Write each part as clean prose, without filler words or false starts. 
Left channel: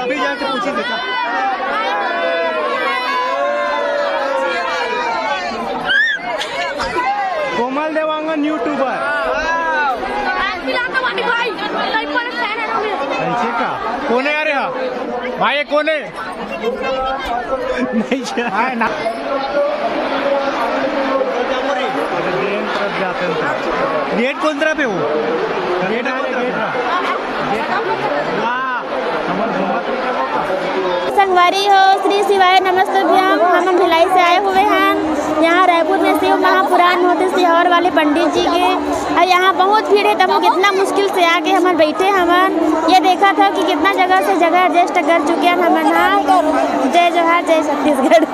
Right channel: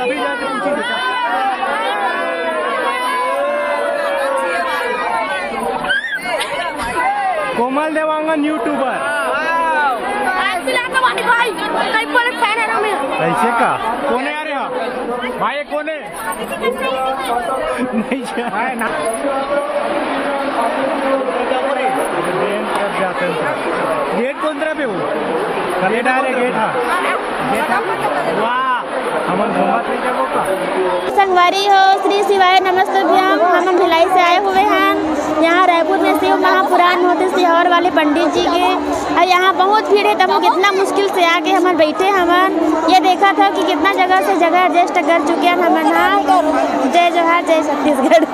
अभी जाके पूछे देखा। कोमल देवांगन यूट्यूबर ऐसे का कौन है यार भाई कौन है नहीं जाते गेट कौन तरह पे हो गेट संगवारी हो श्री शिवाय नमस्तभ्यम। हम भिलाई से आए हुए हैं। यहाँ रायपुर में शिव महापुराण होते सिहौर वाले पंडित जी के, और यहाँ बहुत भीड़ है। तब कितना मुश्किल से आके हम बैठे हमन ये देखा था कि कितना जगह से जगह एडजस्ट कर चुके हैं हमन। हाँ, जय जोहार, जय छत्तीसगढ़।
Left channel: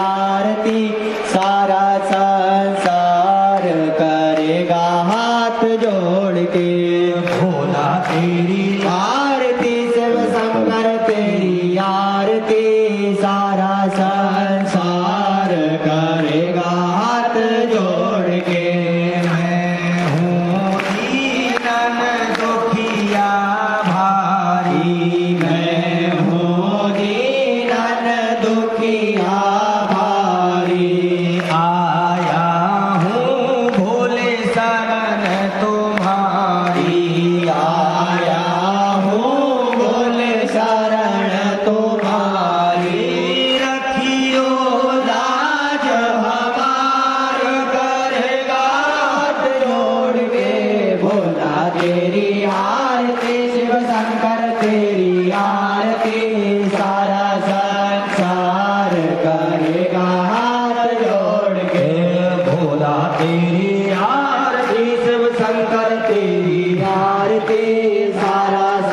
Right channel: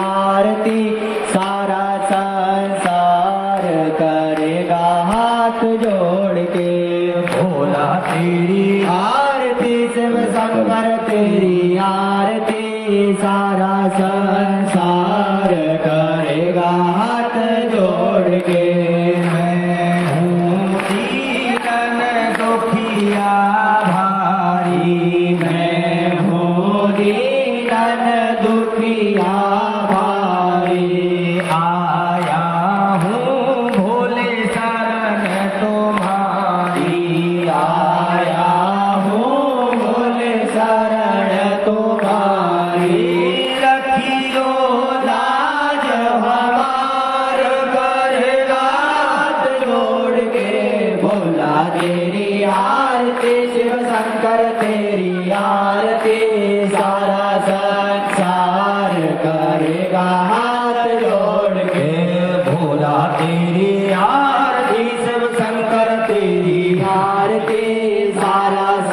आरती गावे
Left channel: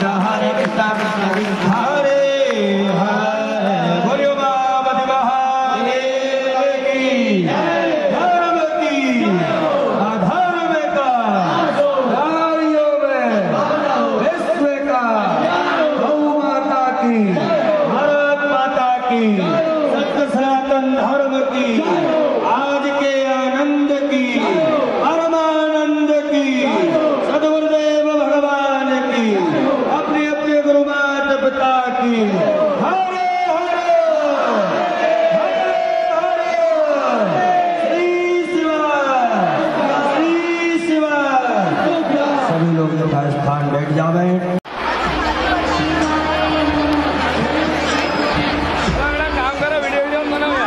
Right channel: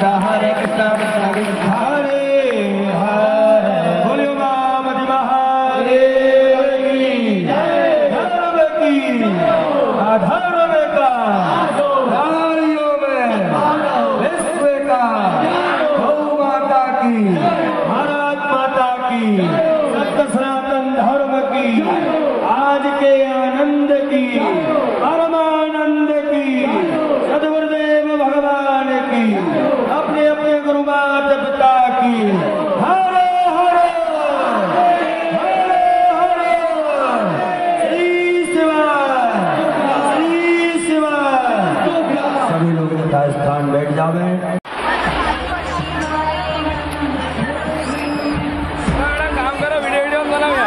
कृष्णा हरे कृष्णा कृष्णा कृष्णा हरे हरे। बोलिए मां मति महादेव की धर्म की अधर्म का कार्यों में विश्व का गौ माता की भारत माता की सत्य सनातन धर्म की आज के आनंद की परमानंद की सदगुरुदेव भगवान की अपने अपने गुरु माता पिता की हरे हरे हरे हरे श्री शिवाय श्री शिवाय। सभी लोग यथा स्थान बैठ जावे। काम करो, वीडियो बनाओ।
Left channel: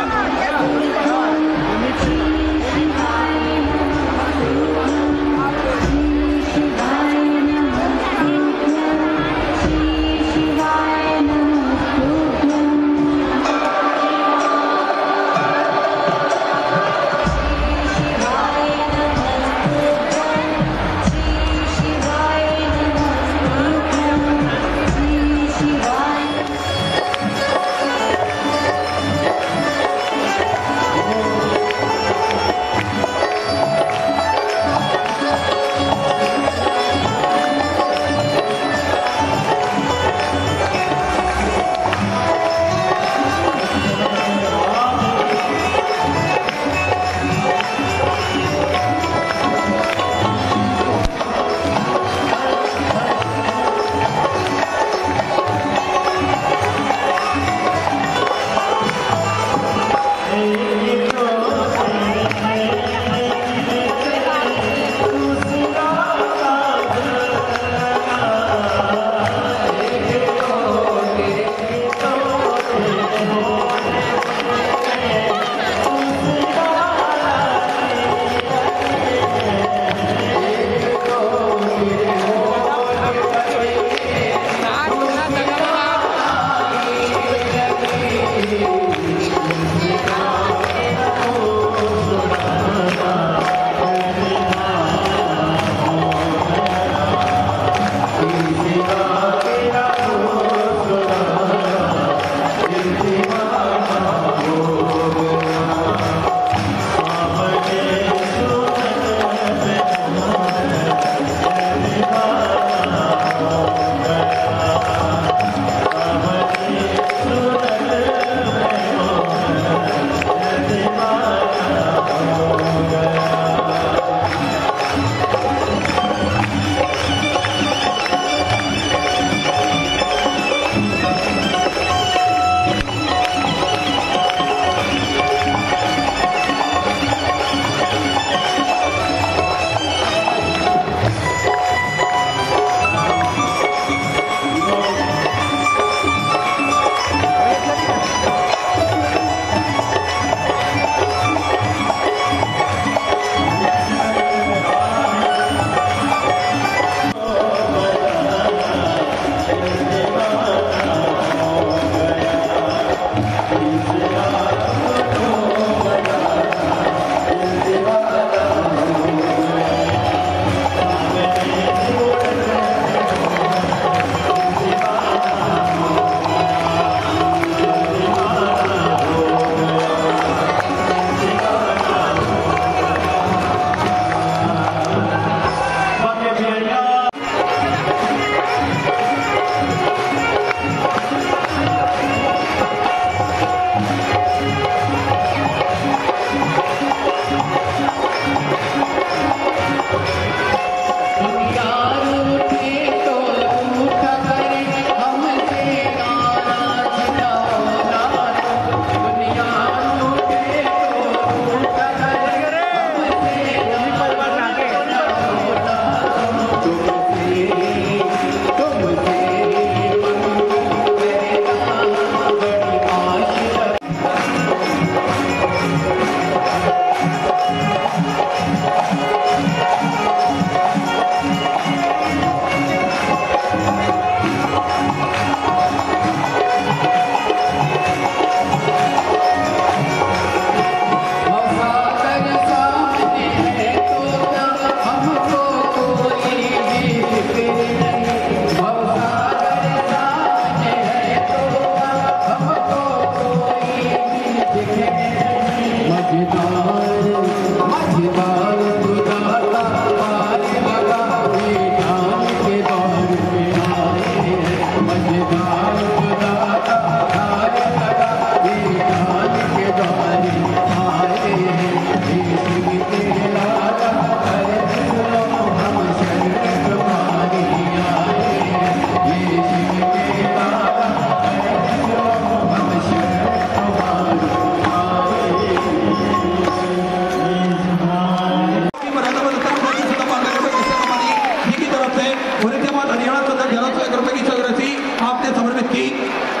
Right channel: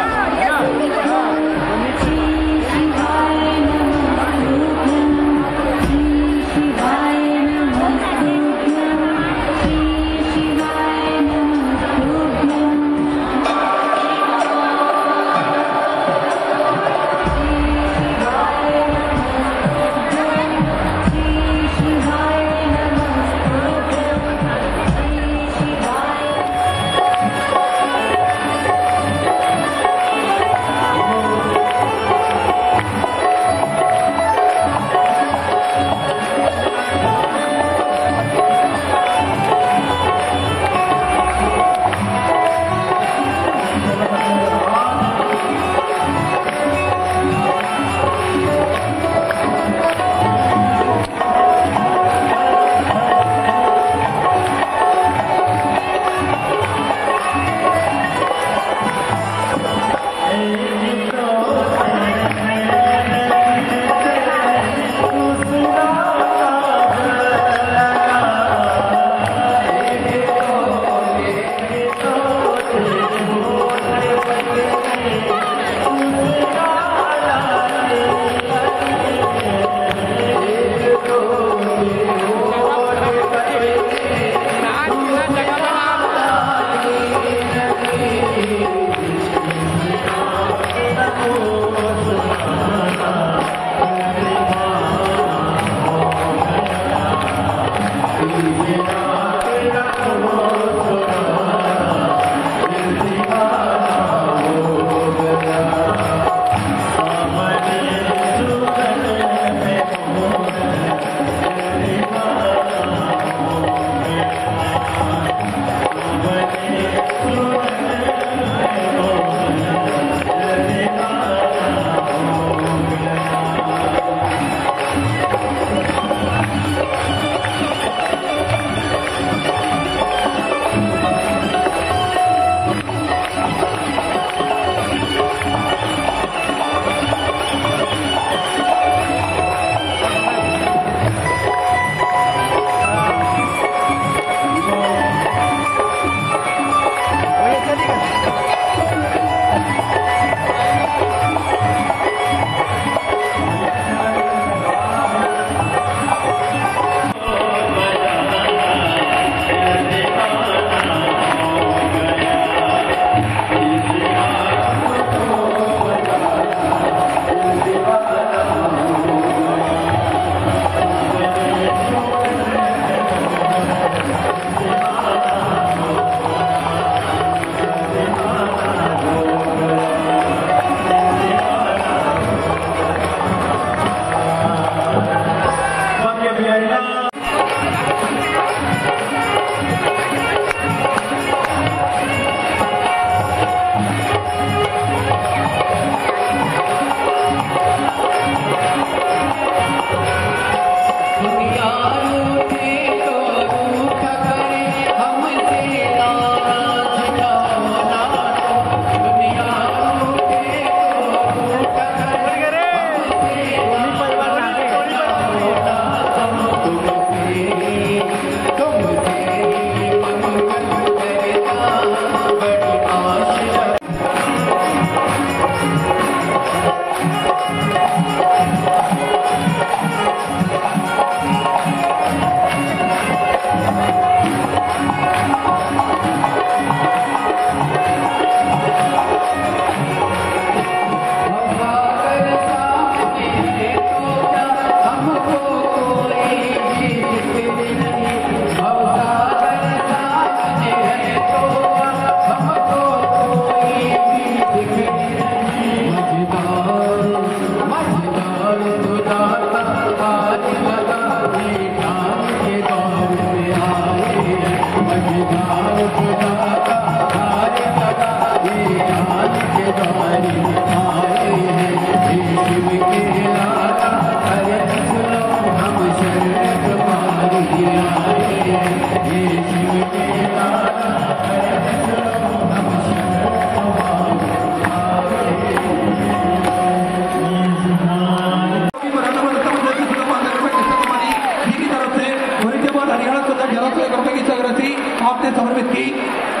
आपने समर्पित की।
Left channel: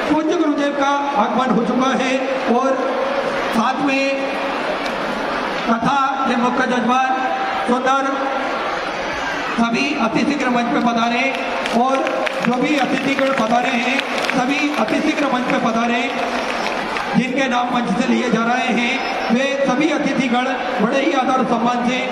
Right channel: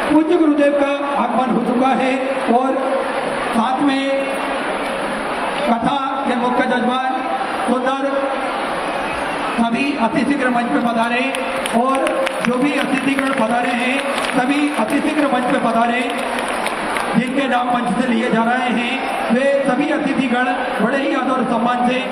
पूज्य गुरुदेव का आगमन हो चुका है और साथ में कथा के मुख्य जजमान सुंदर सभी अतिथिगण मंच पे पधारे और जो भी अतिथिगण पधारे हैं सभी अतिथिगण मंच पे पधारे। जिनके नाम मंच से लिए जा रहे हैं वे सभी अतिथिगण बड़े ही आदर और सम्मान से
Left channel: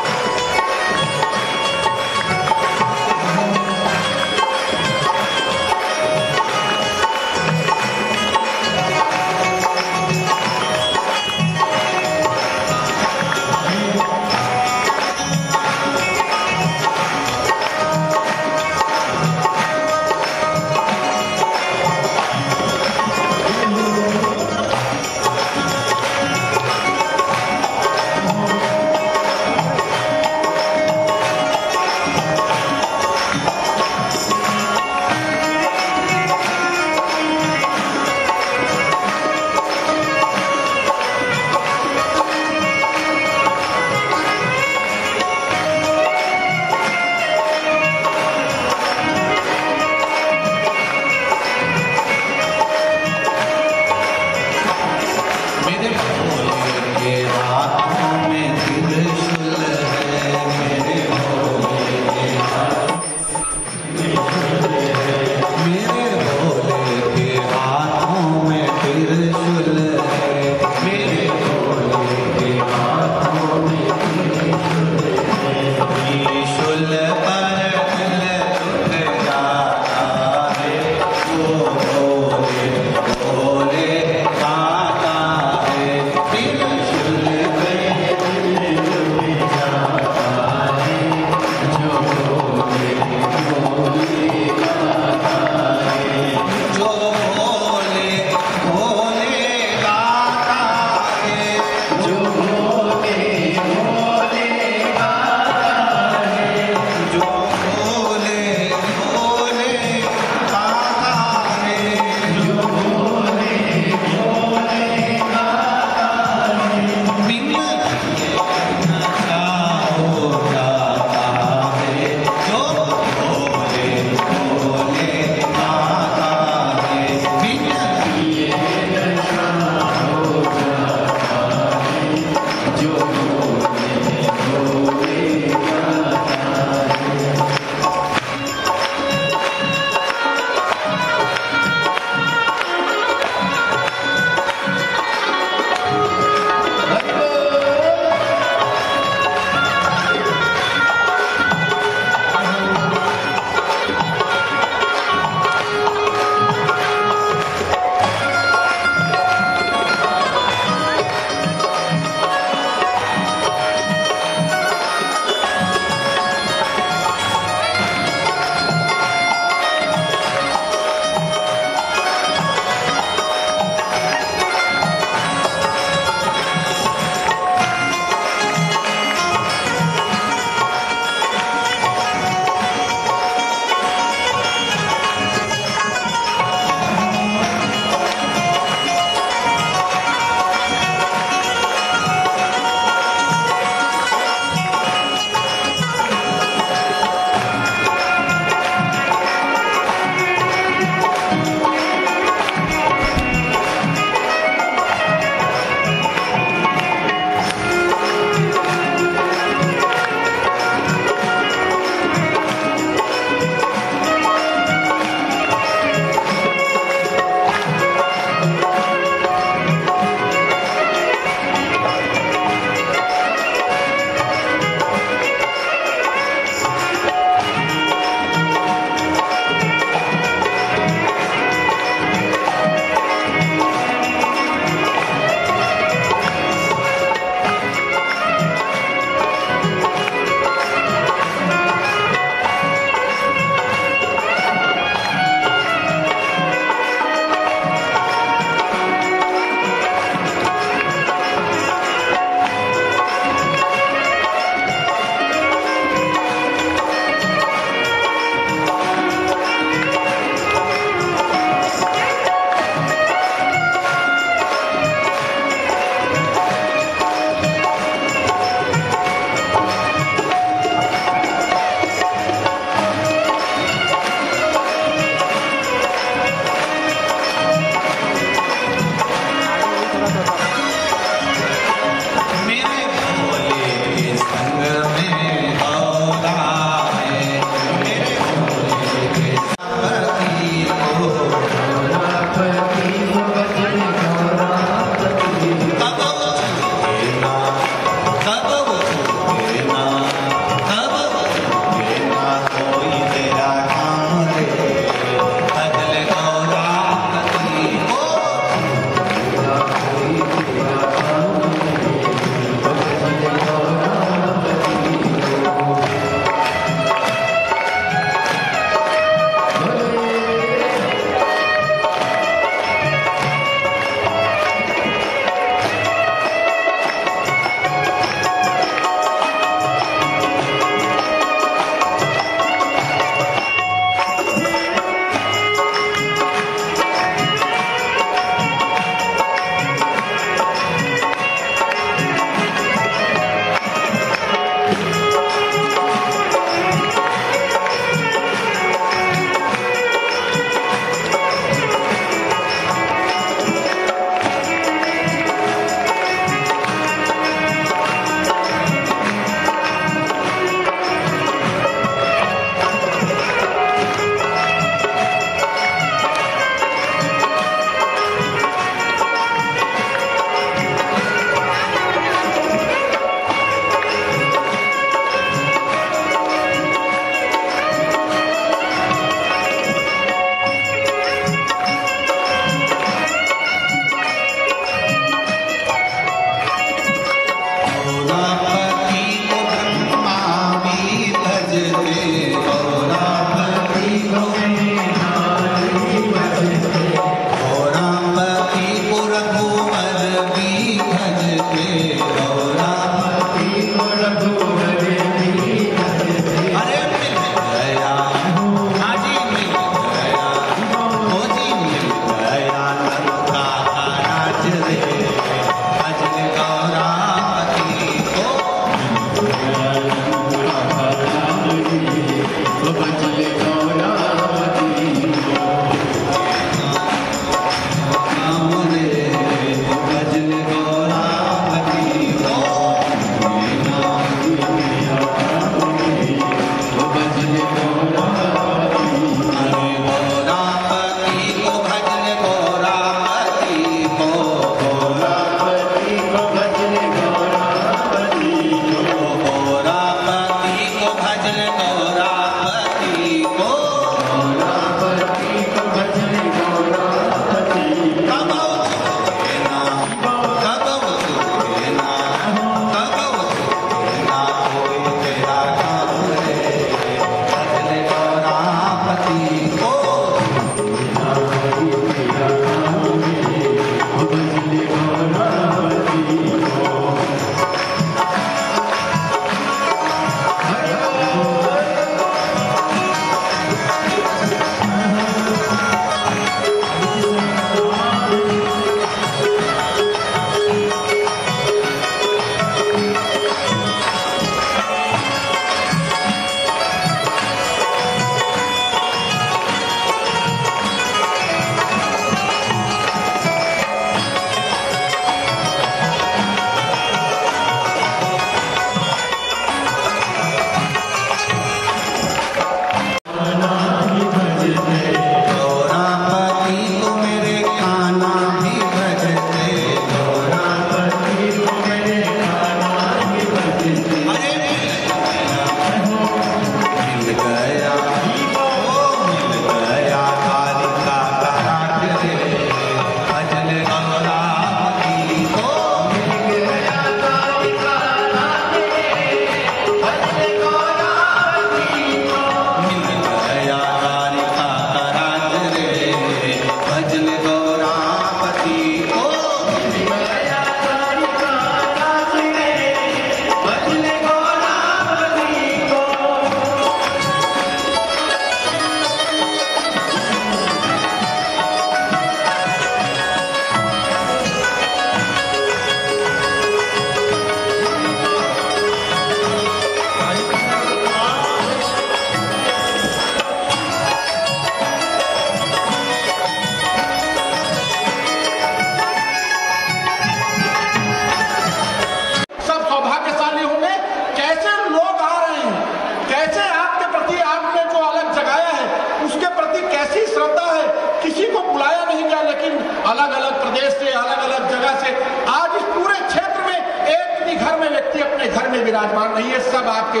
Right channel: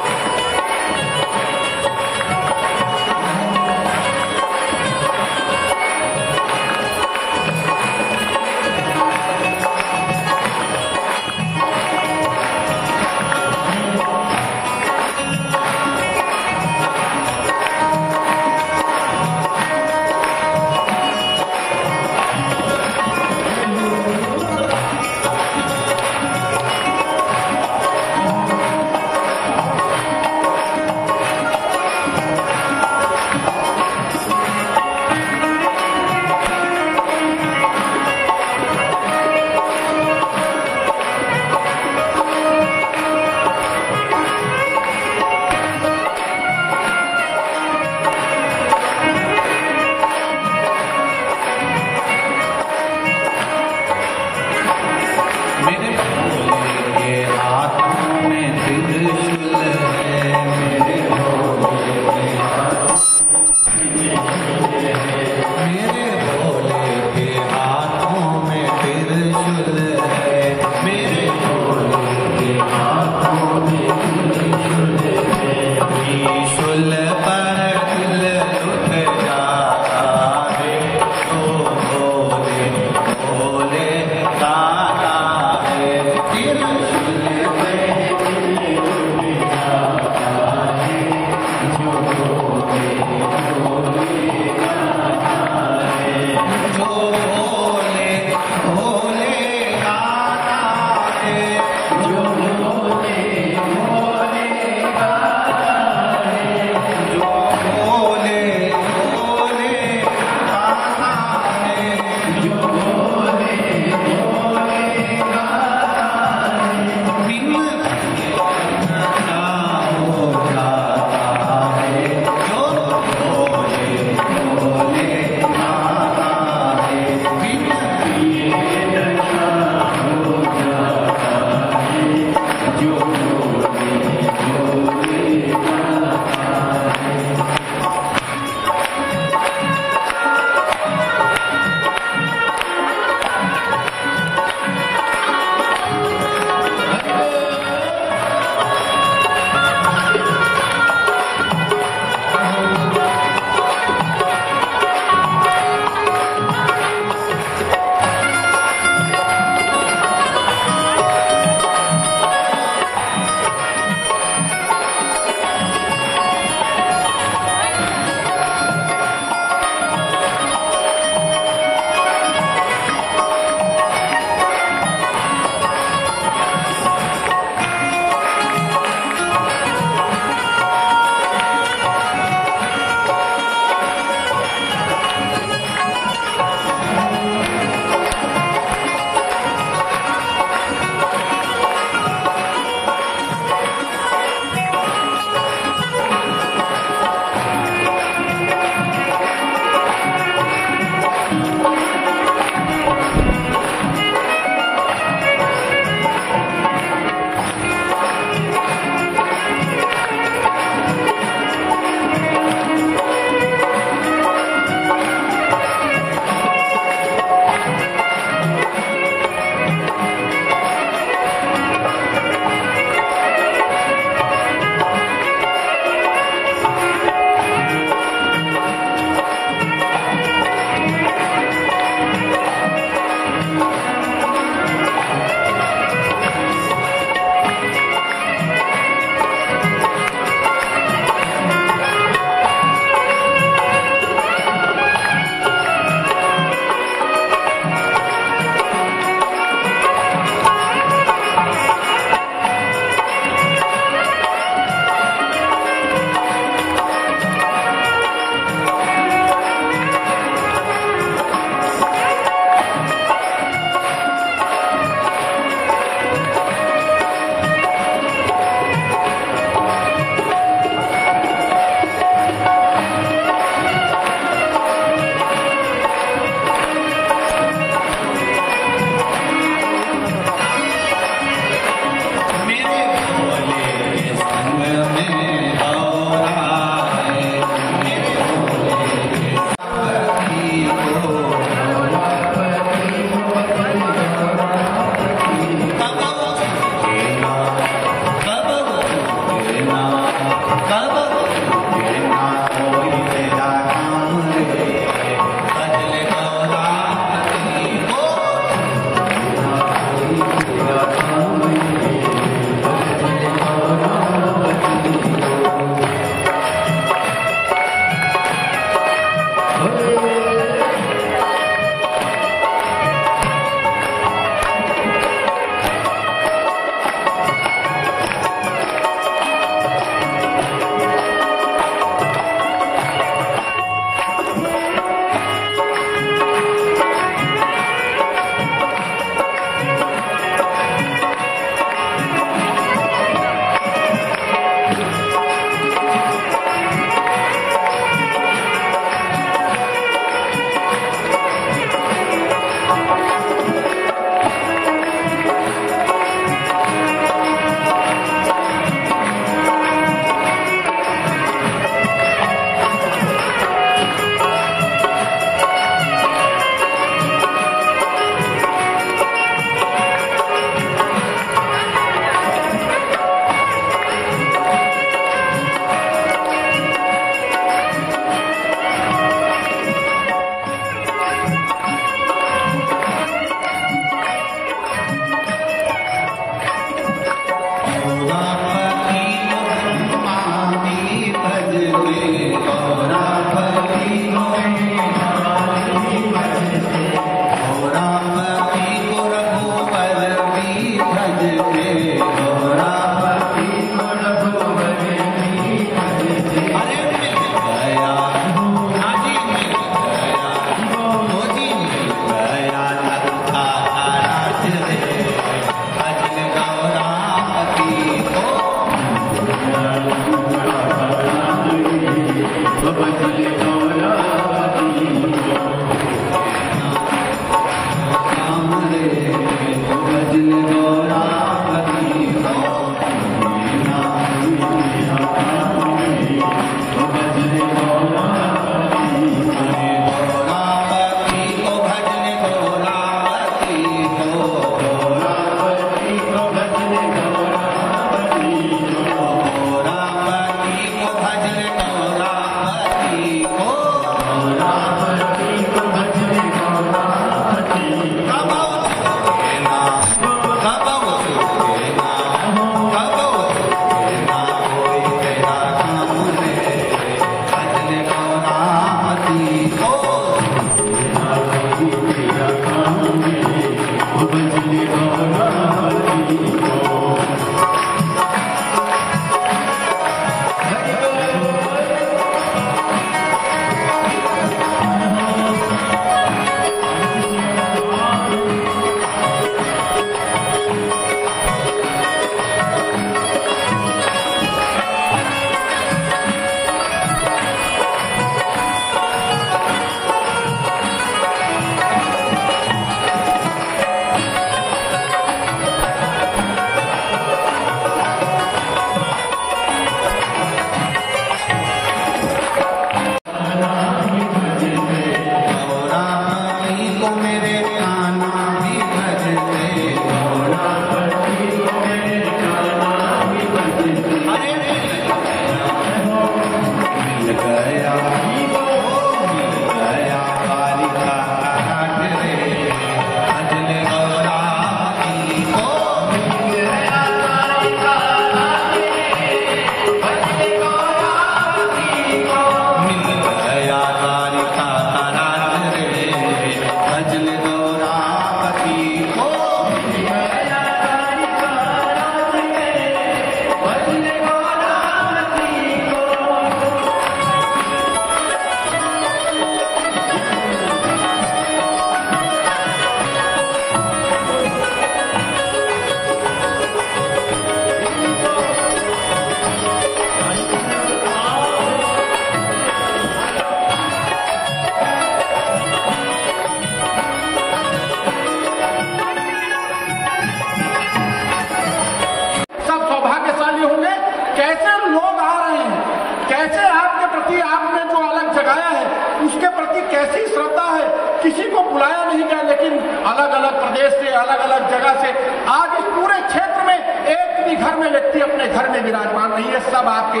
विराजमान नहीं है, सब आपके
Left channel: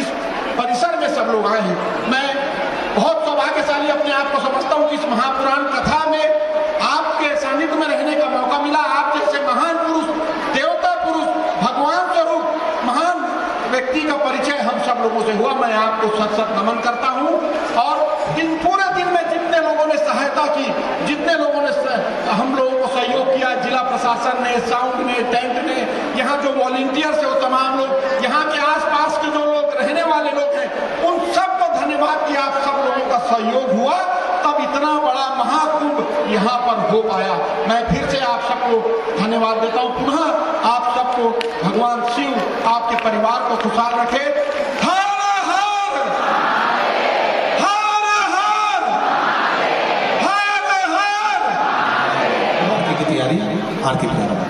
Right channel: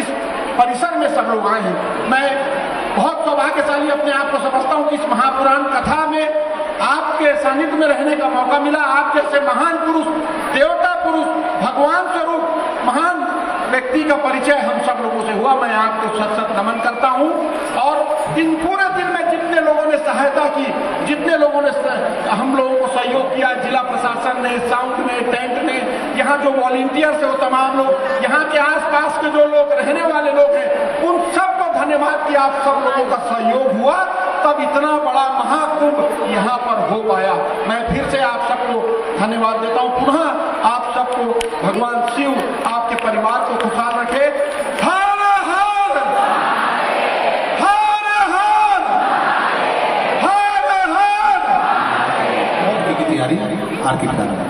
इस परिसर में सब लोग आए हैं। मैं बहुत सौभाग्यशाली अपने आप को समझता हूँ कि इस महापुराण कथा में आपके सानिध्य में रहने का मौका मिला। आप जैसे महान पुरुष, देवता पुरुष, भगवान स्वरूप महान व्यक्ति का परिचय हम सब लोगों से हुआ। मैं आपको सत सत नमन करता हूँ। और इन पूरे दिन में जितने लोगों ने सहायता की, जितने लोगों ने हम लोगों को सहयोग किया, जिला प्रशासन ने, साउंड ने, टेंट ने, यहाँ जो वॉलंटियर्स है वो तमाम लोग, यहाँ के आसपास के जो लोग रहने वाले लोग हैं, उन सबको धन्यवाद कि आप सब लोगों का सहयोग हुआ, तब इतना बड़ा महाकुंभ यहाँ पर हो पाया। मैं फिर से आप सबको धन्यवाद देता हूँ। पुनः आप सबको भगवान शिव आपके परिवार को खुशहाल रखे। हर हर हर हर हर हर। बहुत की तैयारी आरती प्रारंभ।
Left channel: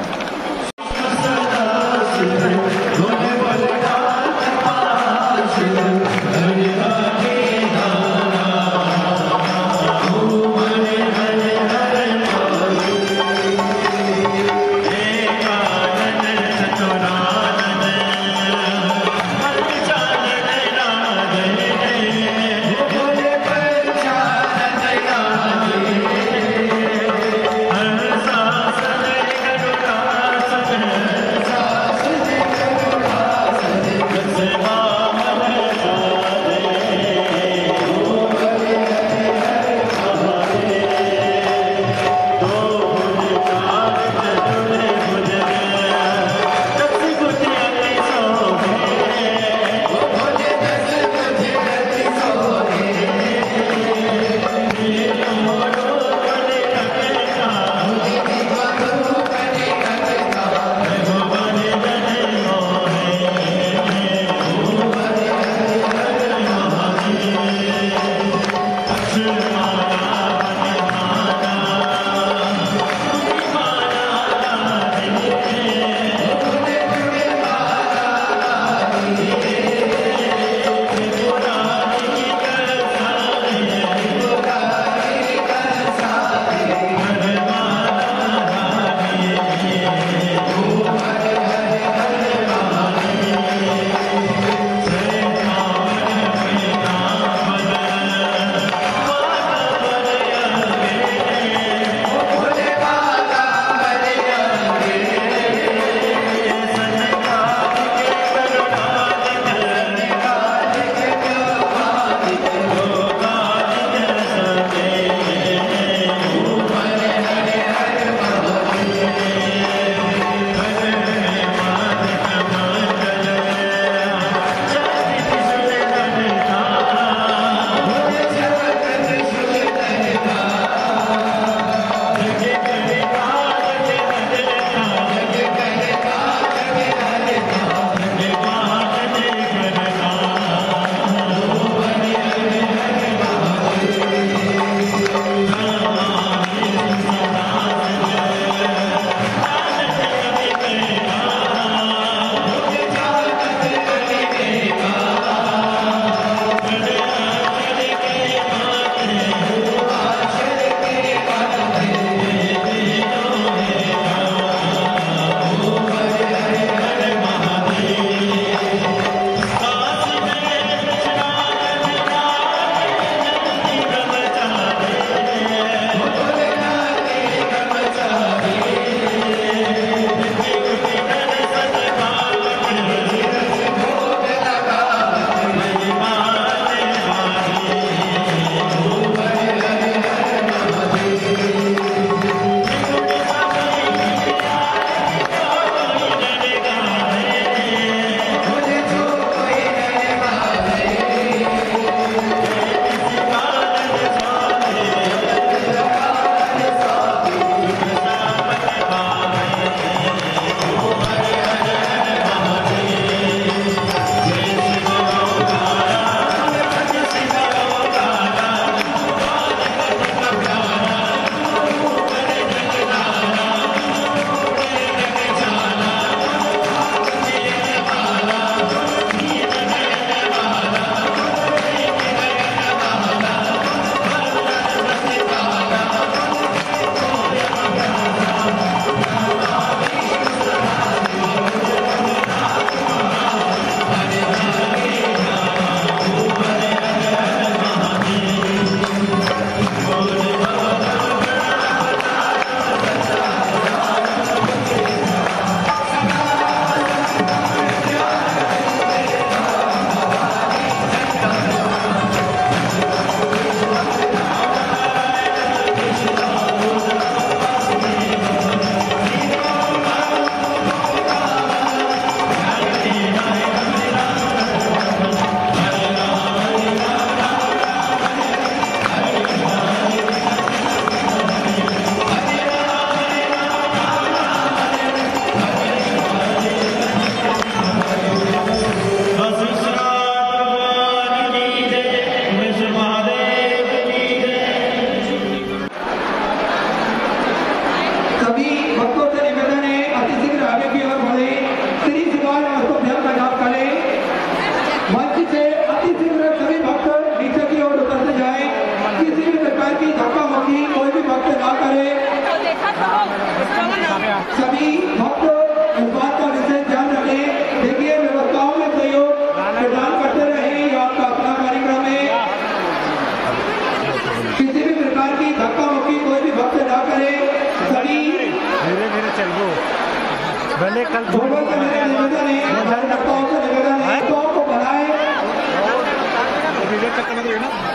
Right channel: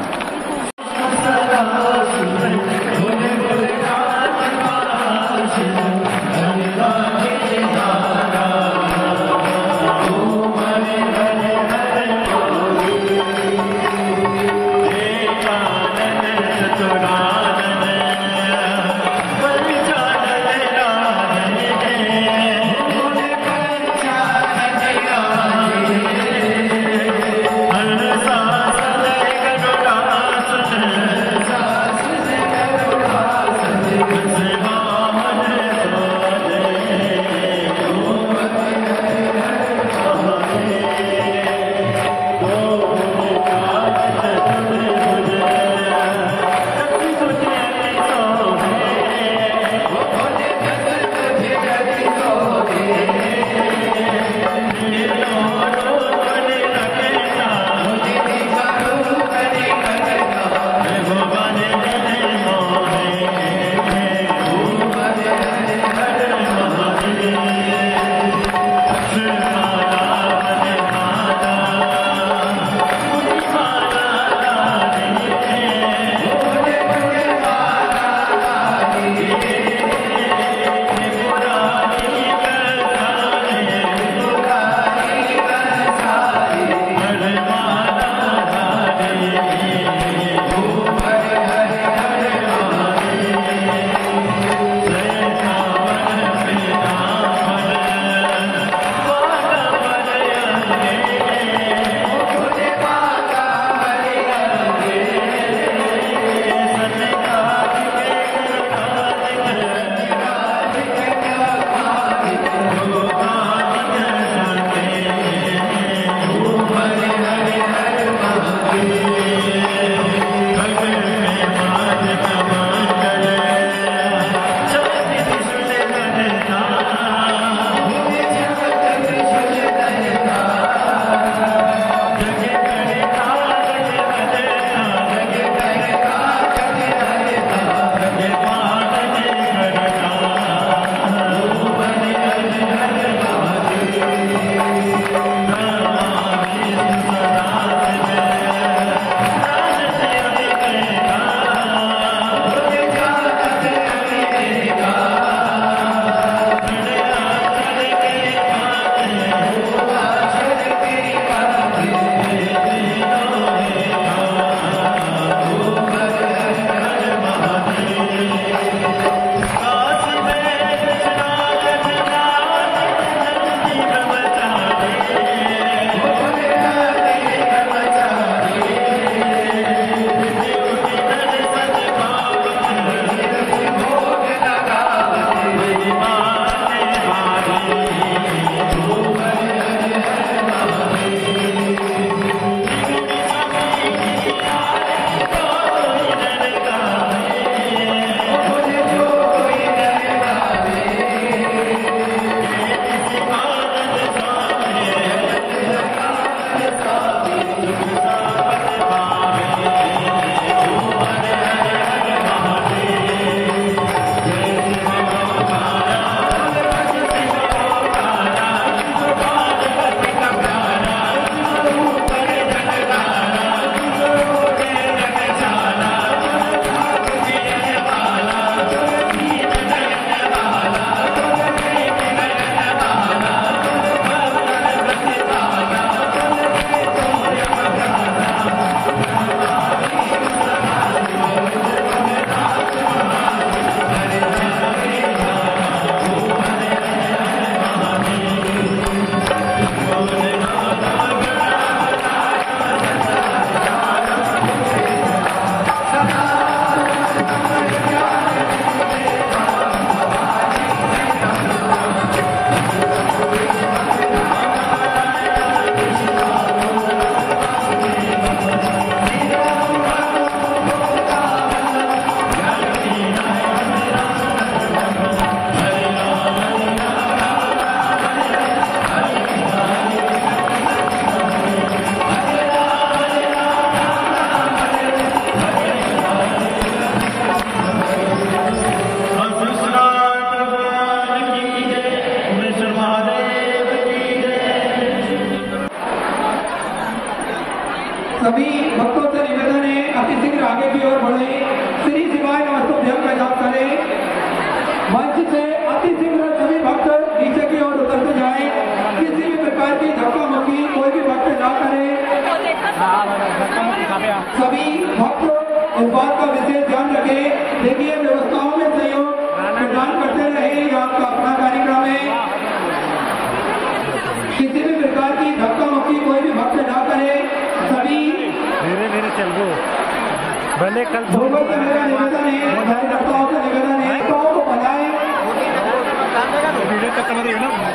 भले कल को बनाए,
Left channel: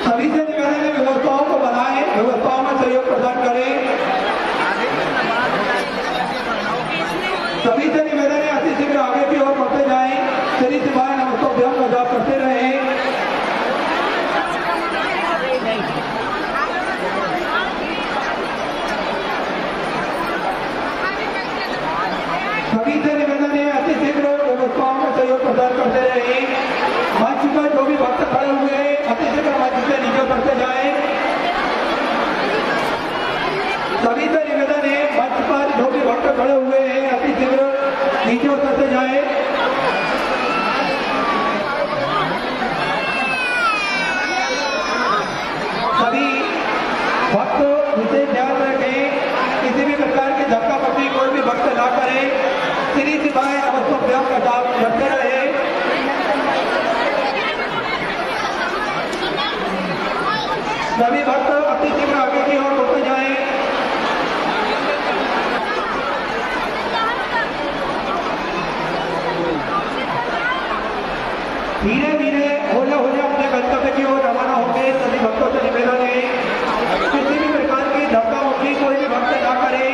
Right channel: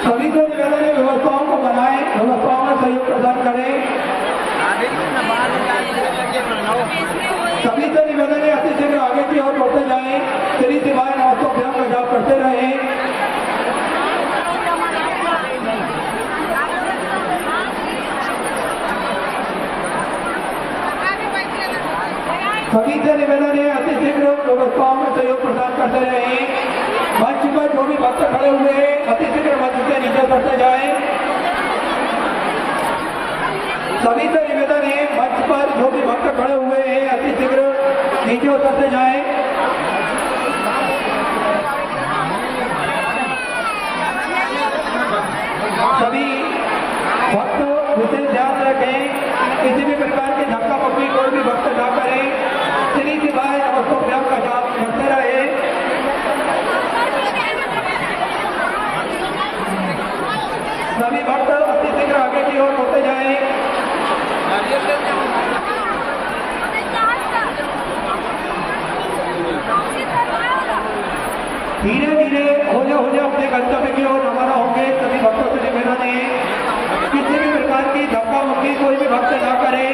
सभी से निवेदन है व्यवस्थाओं को बनाए, व्यवस्थाओं में सहयोग प्रदान करें। सभी से निवेदन है अति शीघ्र आगे की ओर बढ़ते जाए, शरीर सेवाएं नमस्तोभ्यम का जाप करते रहे। सभी से निवेदन है अति शीघ्र व्यवस्थाओं में सहयोग प्रदान करते रहे। मंच पर जो भी भक्त खड़े हुए हैं अति शीघ्र मंच से नीचे करते जाए। सभी से निवेदन है मंच पर जो भी भक्त खड़े हुए हैं अति शीघ्र नीचे उतरते जाए। सभी भक्त विशेष ध्यान रखें, किसी भी प्रकार के धक्का मुक्की कोई भी भक्त न करे, श्री शिवाय नमस्तोभ्यम का जाप करते रहे। सभी भक्त अति शीघ्र आगे की ओर बढ़ते जाए। धीरे धीरे होले अपने गंतव्य की ओर रवाना होंगे। सभी भक्तों से निवेदन है किसी भी प्रकार की धक्का मुक्की कोई भी भक्त ना करे,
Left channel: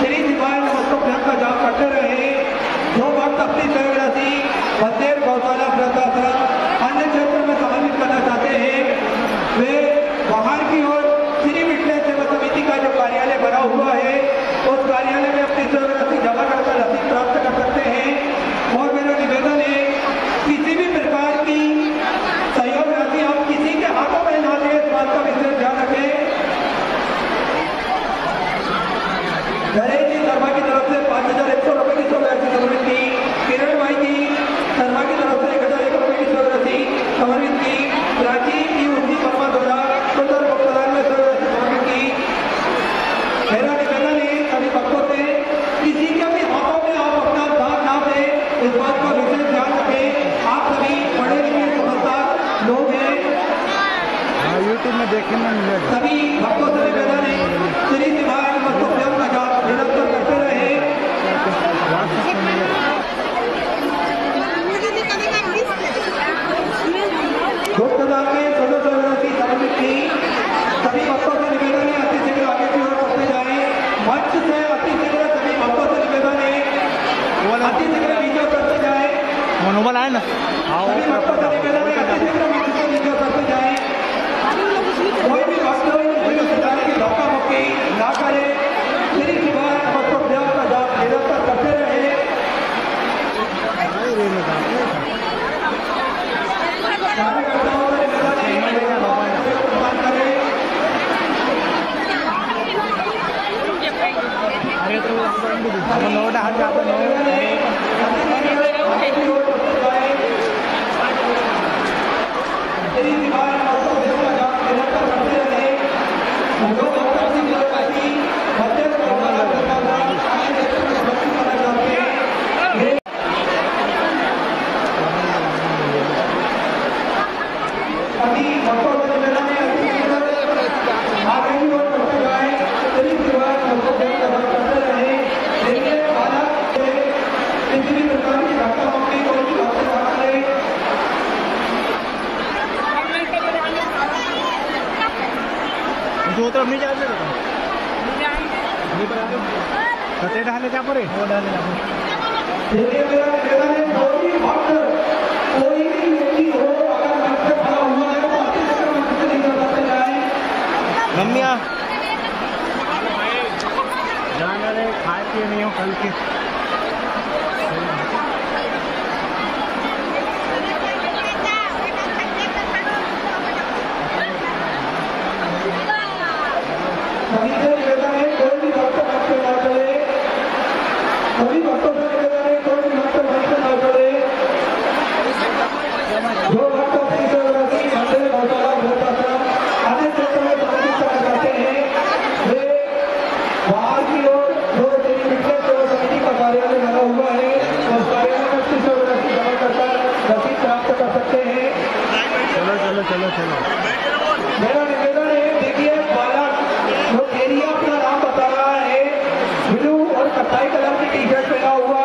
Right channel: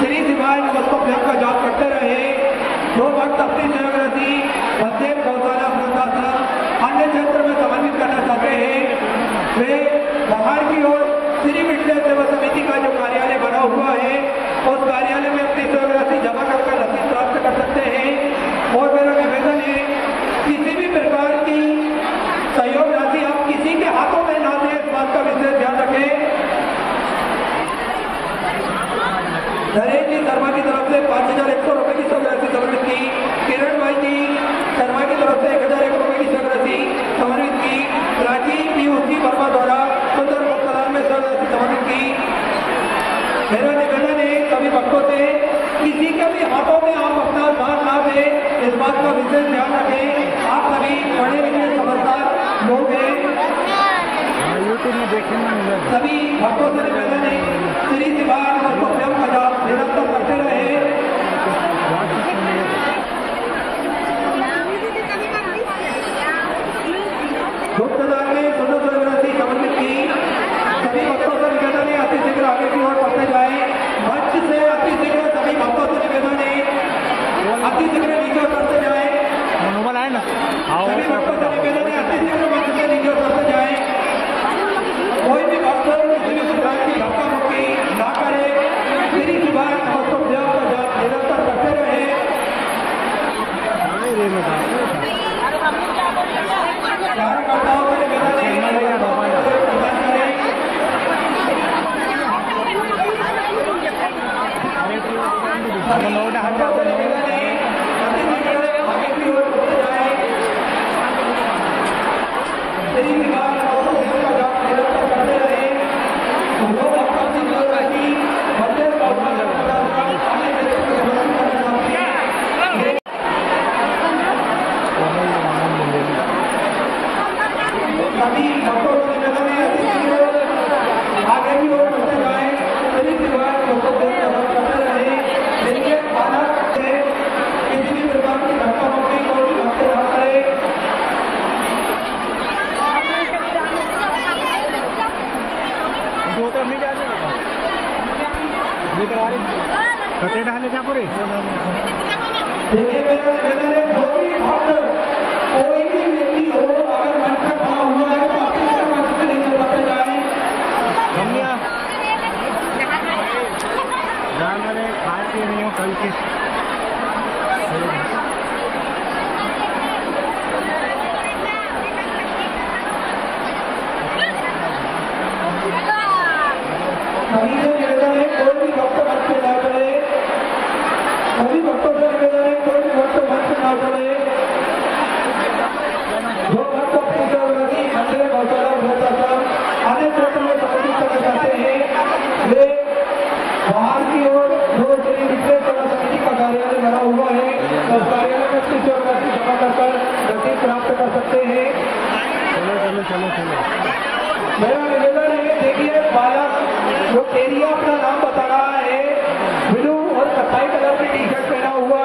श्री शिवाय नमस्तोभ्यम का जाप करते रहे। जो भक्त अपनी सेवारती मंदिर गौशाला प्रशासन अन्य क्षेत्र में समन्वित करना चाहते हैं वे बाहर की ओर श्री विद्या सेवा समिति का जो कार्यालय बना हुआ है उस कार्यालय में अपनी सेवारती जमा कर रसीद प्राप्त कर सकते हैं। और मेरा निवेदन है किसी भी प्रकार की सहयोग राशि आप किसी के हाथों में ना दें, इस बात का विशेष ध्यान रखें। नरेश जी शर्मा की तरफ से 5,100 रुपए की सेवारती समर्पित की। किरण भाई जी शर्मा की तरफ से 1,001 रुपए की सेवारती समर्पित की। प्राची की उसी कर्मा द्वारा सुंदर भक्तवान ने सेवारती समर्पित की। मेरा निवेदन है सभी भक्तों से किसी के भी हाथों में आप अपना दान ना दें, इस बात को विशेष ध्यान रखें। आप सभी पढ़े लिखे समझदार लोग हैं, यूट्यूब में देखने में मिलेगा। सभी भक्तों से निवेदन है श्री शिवाय नमस्तोभ्यम का जाप निरंतर करते रहे। धूप पूजा के सुंदर सेवारती समर्पित की। सभी भक्तों से निवेदन है अति शीघ्र आगे की ओर बढ़ते जाए। मंच से अति शीघ्र सभी भक्तों से निवेदन है अति शीघ्र नीचे उतरते जाए। मनोबल आए ना, आओ सभी भक्तों से निवेदन है अति शीघ्र मंच से नीचे उतरते जाए। कोई भी भक्त किसी भी प्रकार की धक्का मुक्की ना करे, श्री शिवाय नमस्तोभ्यम का जाप निरंतर करते रहे। कार्यकर्ताओं से निवेदन है प्रदान करें। अब नोट हट जाओ कते डाले जा परे देखिए मेरा निवेदन है कोई भी भक्त कोई भी व्यक्ति हो अगर भक्त खड़ा हुआ है तो अपनी तरफ मंच से नीचे उतरते जाए। जाना रे खाए पिए नहीं हो कल के। सभी से निवेदन है कोई भी भक्त मंच पे ना चढ़े, कोई भक्तों से निवेदन है कोई भी भक्त मंच पे ना चढ़े। जो भक्त अपनी सेवारती मंदिर गौशाला प्रशासन अन्य क्षेत्रों में समर्पित करना चाहते हैं वे बाहर की ओर जो श्री विद्या सेवा समिति का कार्यालय बना हुआ है उस कार्यालय में अपनी सेवारती जमा कर रसीद प्राप्त कर सकते हैं। चलो चलो चलो चलो मेरा निवेदन है देखिए बालक जो एरिया अपना नाम बता रहा है ब्लू और कत्थई कलर की टी शर्ट पहना हुआ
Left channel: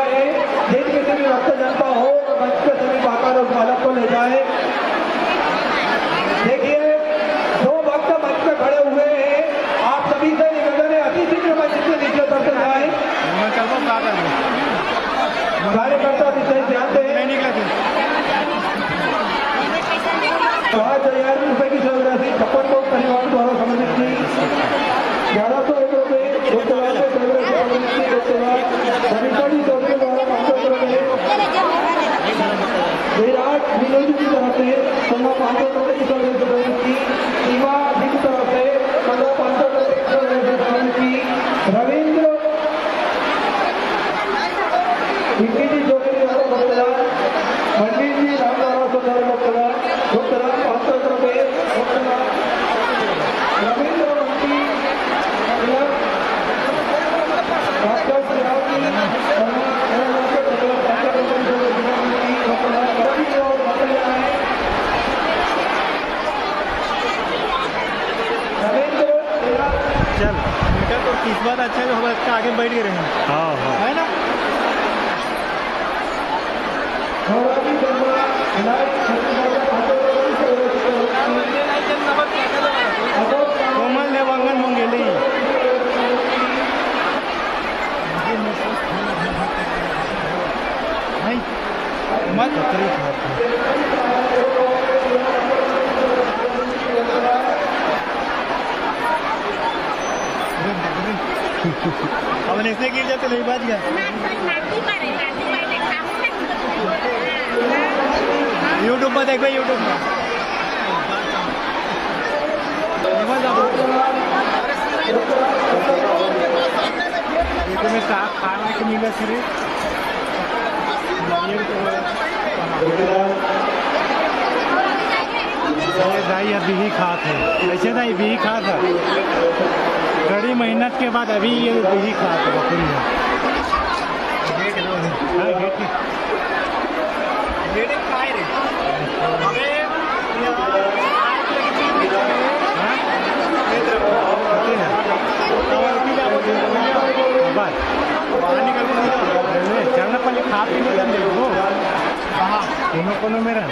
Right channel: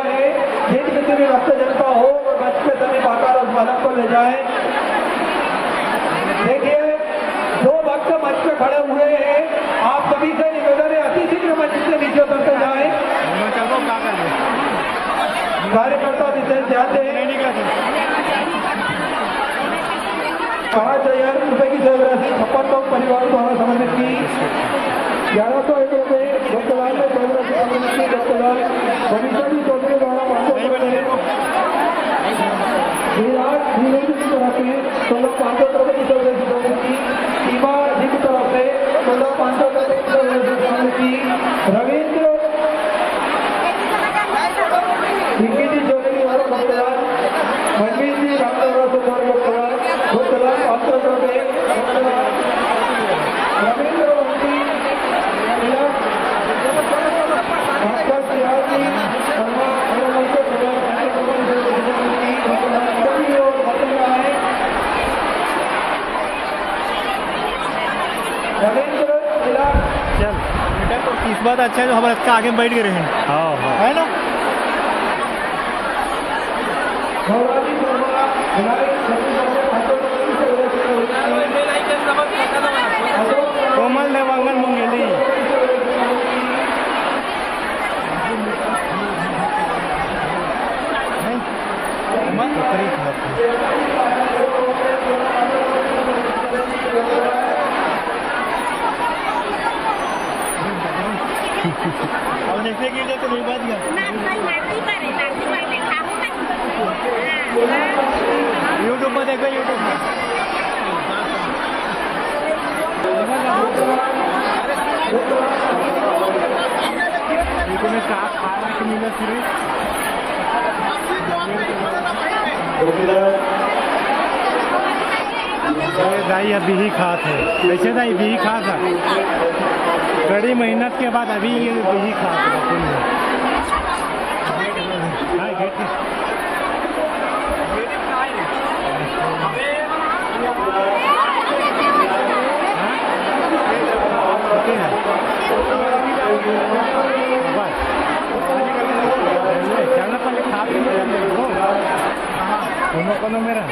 चल उनका तो इस बात अच्छा है, हम अच्छा आगे बैठ गए हैं। हाँ हाँ है ना। कोमल ने वांगन मंगेली नहीं मत ककड़ी खाती अब ऐसे गिर जाते नहीं बात क्या यूट्यूब में देखो, यूट्यूब में तुम्हें खाना के मिला फिर दाई अभी ही खात है, ऐसे दाई भी ही खात है, कड़ी मेहनत के बाद अभी ये भी ही खात है बकुल में। हाँ गेट के चलना पहले खा पी देखो कोनो मेरा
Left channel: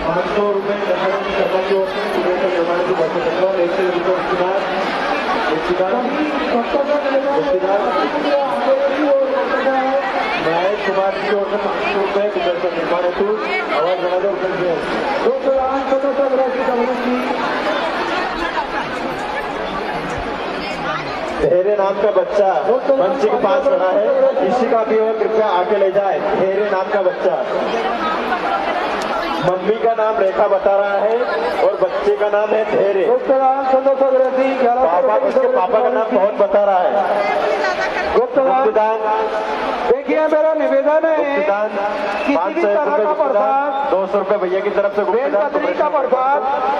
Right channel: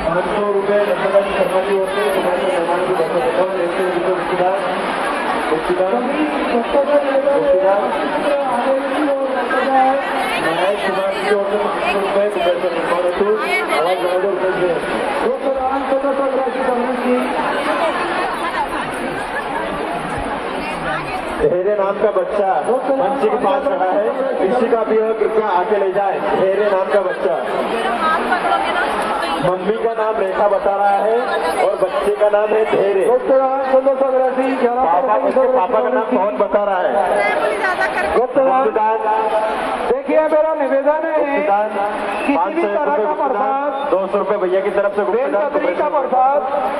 500 रुपये महेश कुमार की ओर से 500 रुपये कुबेर निर्माण हेतु आवाज बना दो रुपये धेरे नाम का बच्चा मंच के पास खड़ा है, किसी का भी हो कृपया आके ले जाए। धेरे नाम का बच्चा, मम्मी का नाम रेखा बता रहा है और बच्चे का नाम है धेरे। पापा उसके पापा का नाम पवन बता रहा है। गुप्तदान देखिए मेरा निवेदन है, गुप्तदान 500 रुपये गुप्तदान, 200 रुपये भैया की तरफ से गुप्तदान।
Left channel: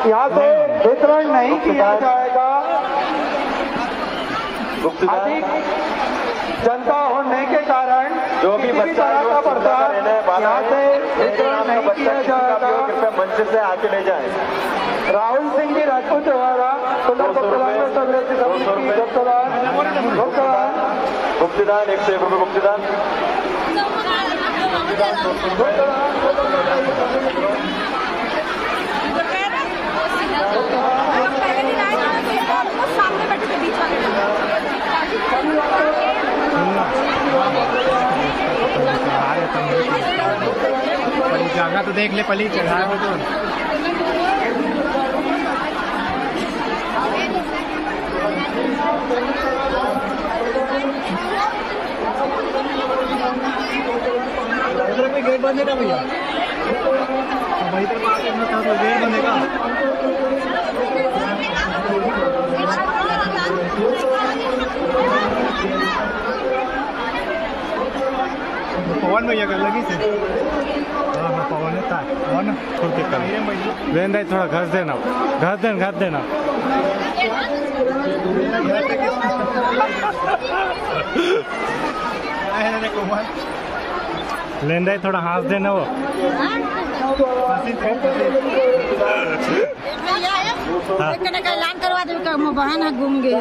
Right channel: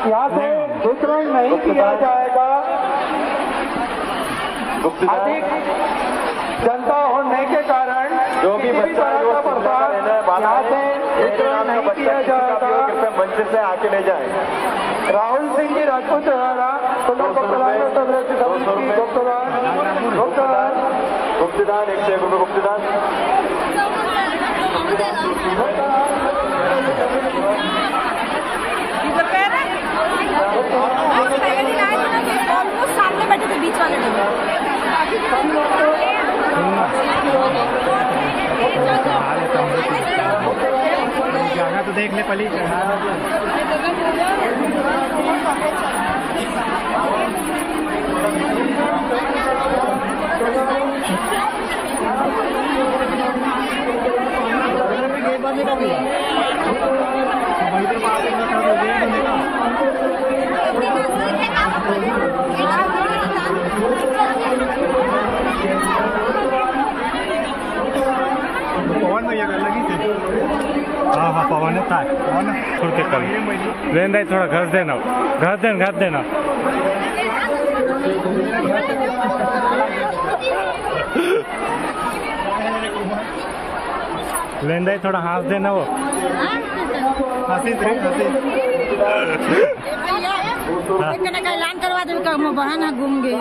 यहाँ से वितरण नहीं किया जाएगा। अधिक जनता होने के कारण जो भी बच्चा यहाँ से वितरण नहीं किया जाएगा। कृपया मंच से आके ले जाए। राहुल सिंह जी राजपूत द्वारा गुप्तदान 101 रुपये गुप्तदान। सुनना जाना तो देख ले पली गेट बंद का भैया पवन भैया कर लगी थी। हाँ हाँ पवन है था खुल के कर लेन दाई थोड़ा घस देना लेन दाई थोड़ा हाथ देना वो ऐलान करवा दे बहन घूम गए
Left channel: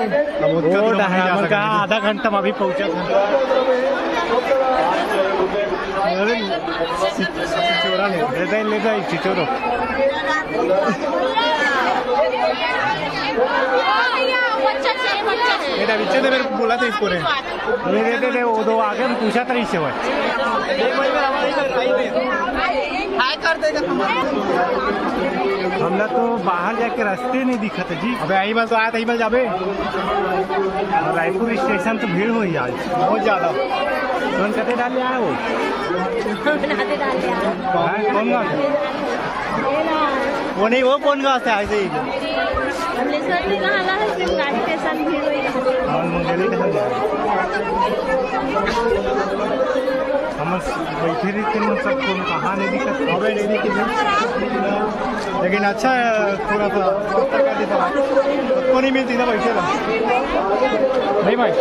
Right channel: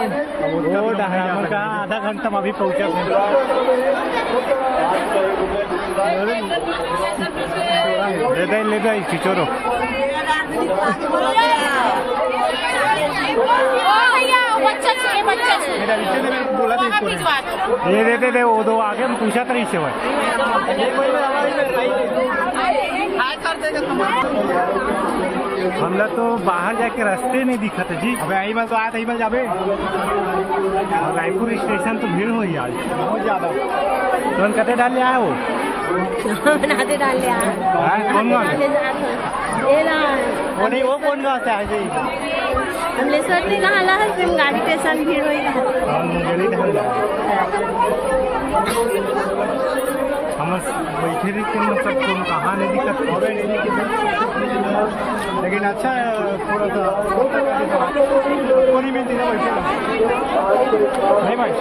आधा घंटा में अभी पहुंचा था। ले दे चिचोरो मेरे बच्चे ने मेरे को बोला था इसको ये दे वो दो आगे हम पूछा था इससे भाई हमला तो बाहर जाके रास्ते नहीं दिखा था जी। अबे आई बार तो आया था, बार जाबे और रायपुर स्टेशन तो भीड़ हुई आज बहुत ज्यादा। कौन कते डाले आया वो कौन गाँव वो नहीं, वो कौन गाँव से आए थे। कमलेश्वर भी कहाँ ला है फिर गाड़ी स्टेशन भीड़ हुई और मुंगेली ढल जाए हम बैठे रही थे मतलब कौन कहाँ नहीं दिक्कत लेकिन अच्छा है पूरा तो नहीं मिलती ना बैठे नहीं भाई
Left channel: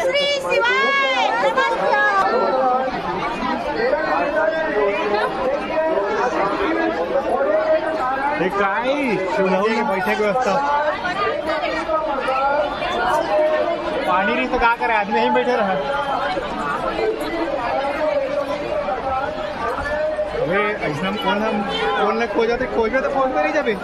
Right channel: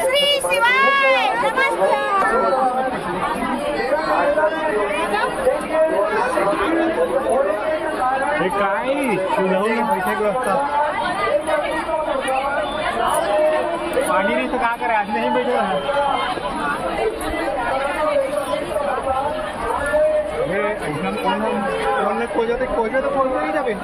श्री शिवाय काय शिवलाऊ बैठे की व्यवस्था पानी नहीं तो क्या करे आदमी नहीं बैठे रहे ऐसा कौन खोजा तो खोज कर ही जाबे